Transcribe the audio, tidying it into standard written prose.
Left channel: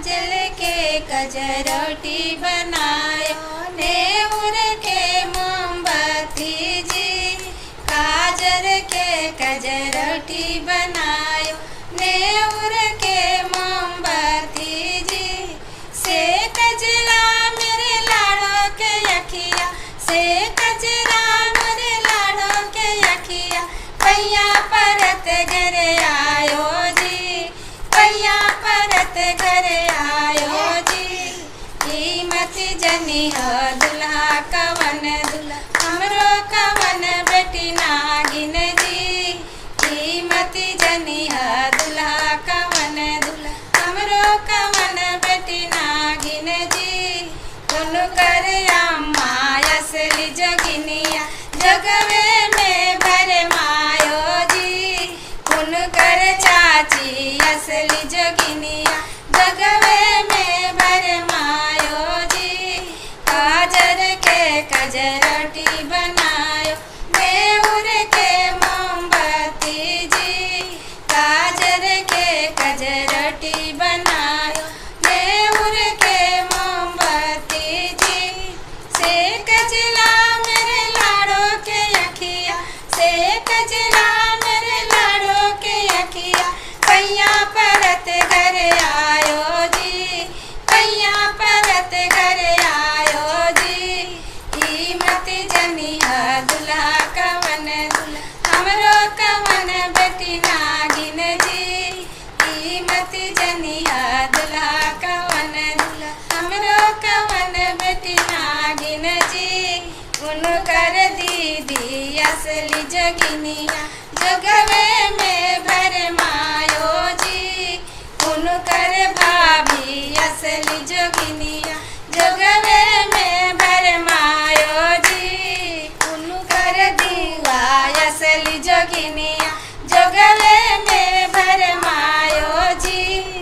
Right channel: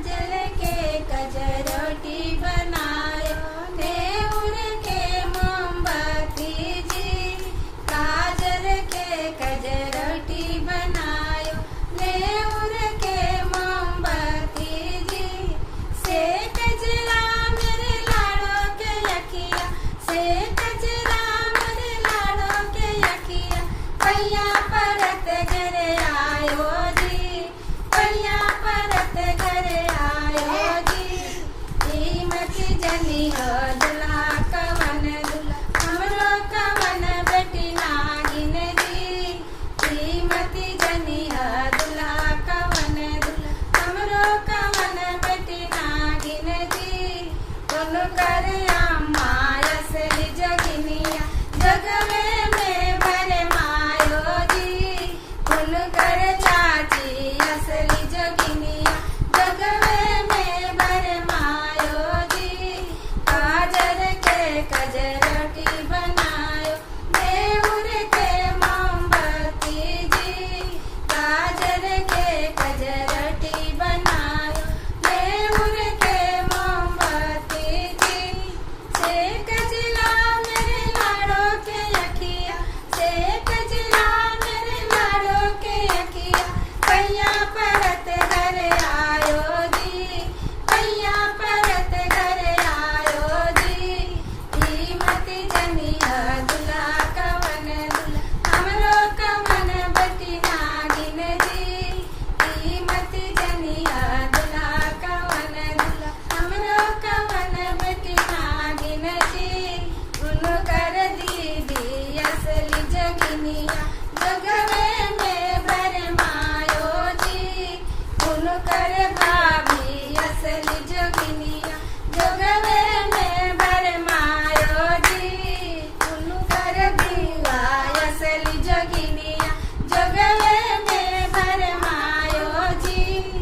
काजल के कजरोटी बनायो, नेउर के मोमबत्ती जी। काजल के कजरोटी बनायो, नेउर के मोमबत्ती जी। से कजरा मेरे लाड़ो के अखिया, से कजरा मेरे लाड़ो के अखिया। पैया परत घर आयो जी, पैया परत घर आयो जी। कीमत जनी हो दुल्हा कवन दुल्हा, हमरो कवन बेटी नागिन जी। कीमत जनी हो दुल्हा कवन दुल्हा, हमरो कवन बेटी नागिन जी। कुन कर अम्मा असली जोगिनिया, जगवे में भर मायो जी। कुन कर चाची असली जोगिनिया, जगवे में भर मायो जी। काजर के कजरोटी बनायो, नेउर के मोमबत्ती जी। काजर के कजरोटी बनायो, नेउर के मोमबत्ती जी। से कजला मेरे लाड़ो के अखिया, से कजला मेरे लाड़ो के अखिया। पैया परत घर आयो जी, पैया परत घर आयो जी। कीमत जनी है दुल्हा कवन दुल्हा, हमरो कवन बेटी नागिन जी। कीमत जनी है दुल्हा कवन दुल्हा, हमरो कवन बेटी नागिन जी। उन कर दीदी असली जोगिनिया, जगवे में भर मायो जी। उन